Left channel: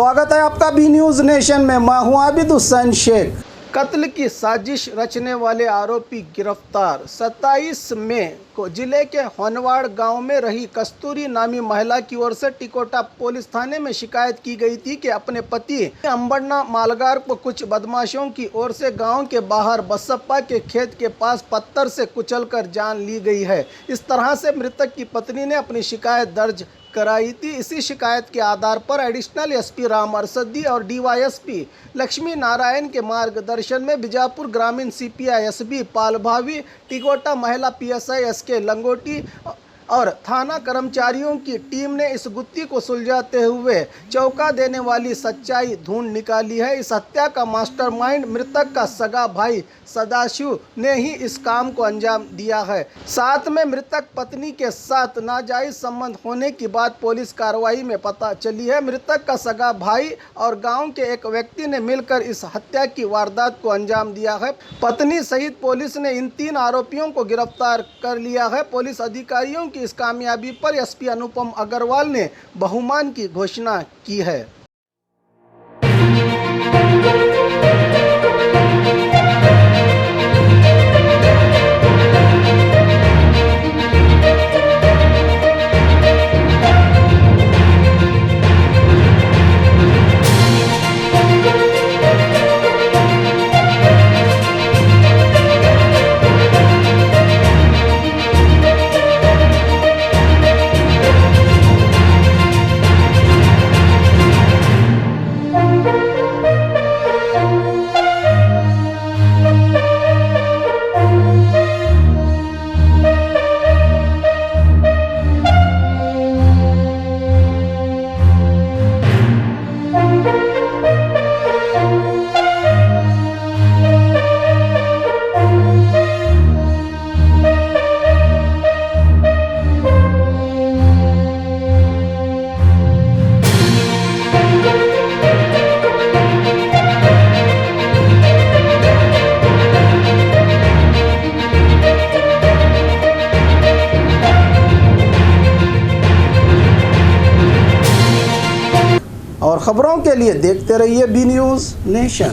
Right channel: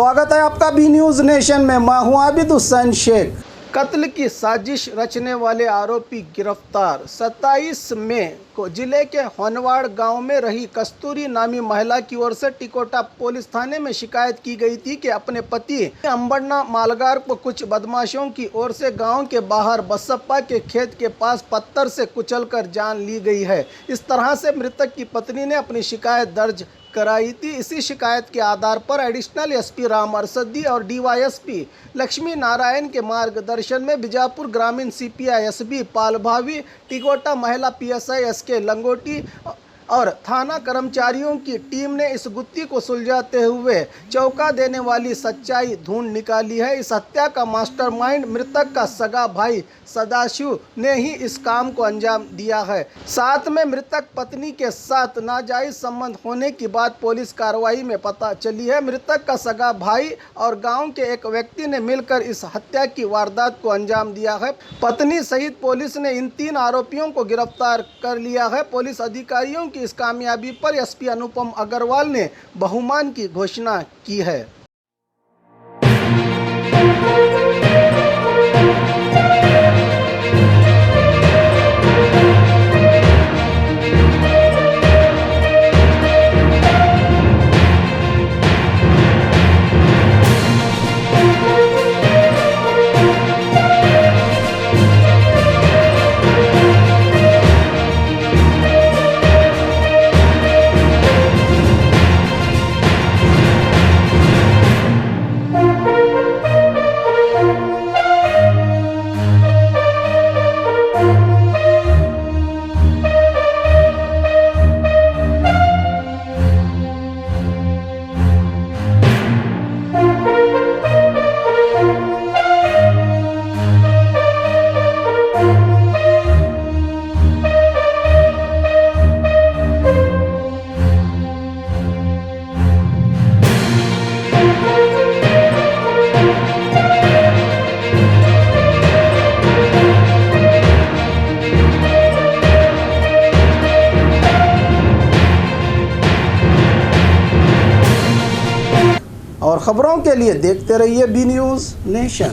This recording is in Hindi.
स्वागत है आपका बी न्यूज़ नेशन में। मैं हूं आबिद हुसैन शेख। कत्ल की साजिश रचने वाले आरोपी गिरफ्तार। 27 मई को जिले के होनवाड़ गांव में रही कस्तूरी नामी महिला की ओर से टिकोटा पुलिस थाने में शिकायत की गई थी कि अपने पति अंबरना मालगार को कुछ बदमाशों की ओर से गांव के बाहर बसप्पा के खेत के पास पत्थर से कुचलकर जान ली गई है। इस तरह से मृतक की पत्नी ने अपनी शिकायत दर्ज कराई थी। इसी शिकायत के आधार पर एडिशनल एसपी राम अरसदी और डीवाईएसपी लक्ष्मी नारायण के मार्गदर्शन में बीजापुर ग्रामीण सीपीआई एसबी पालभावी, टिकोटा महिला पीएसआई एसके लंगोटी और थाना कर्मचारियों की टीम ने इस गुत्थी को सुलझाते हुए चौंका देने वाली सच्चाई ढूंढ निकाली है। इस हत्या का मास्टरमाइंड मृतक का सगा भाई सदाशिव ने ही इस काम को अंजाम दिया है। साथ में मृतक पत्नी के साथ नाजायज संबंध होने की बात पुलिस कार्रवाई में पता चली है। मृतक का सगा भाई और गांव के एक व्यक्ति ने मिलकर इस हत्या की वारदात को अंजाम दिया है। पत्नी सहित पुलिस ने इन 3 आरोपियों को गिरफ्तार कर लिया है। पुलिस अधिकारियों की इस कामयाबी पर एसपी अनुपम अग्रवाल ने बहुमान की घोषणा की है। और खबरों के लिए देखते रहिए बी न्यूज़ नेशन।